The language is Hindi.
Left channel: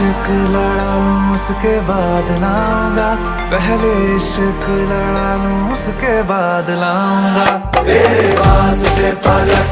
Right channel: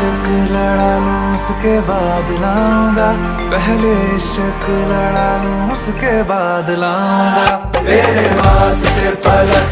इश्क लड़ा लूं उसके बाद लाऊंगा, पहले इश्क लड़ा लूं उसके बाद लाऊंगा, तेरे वास्ते फलक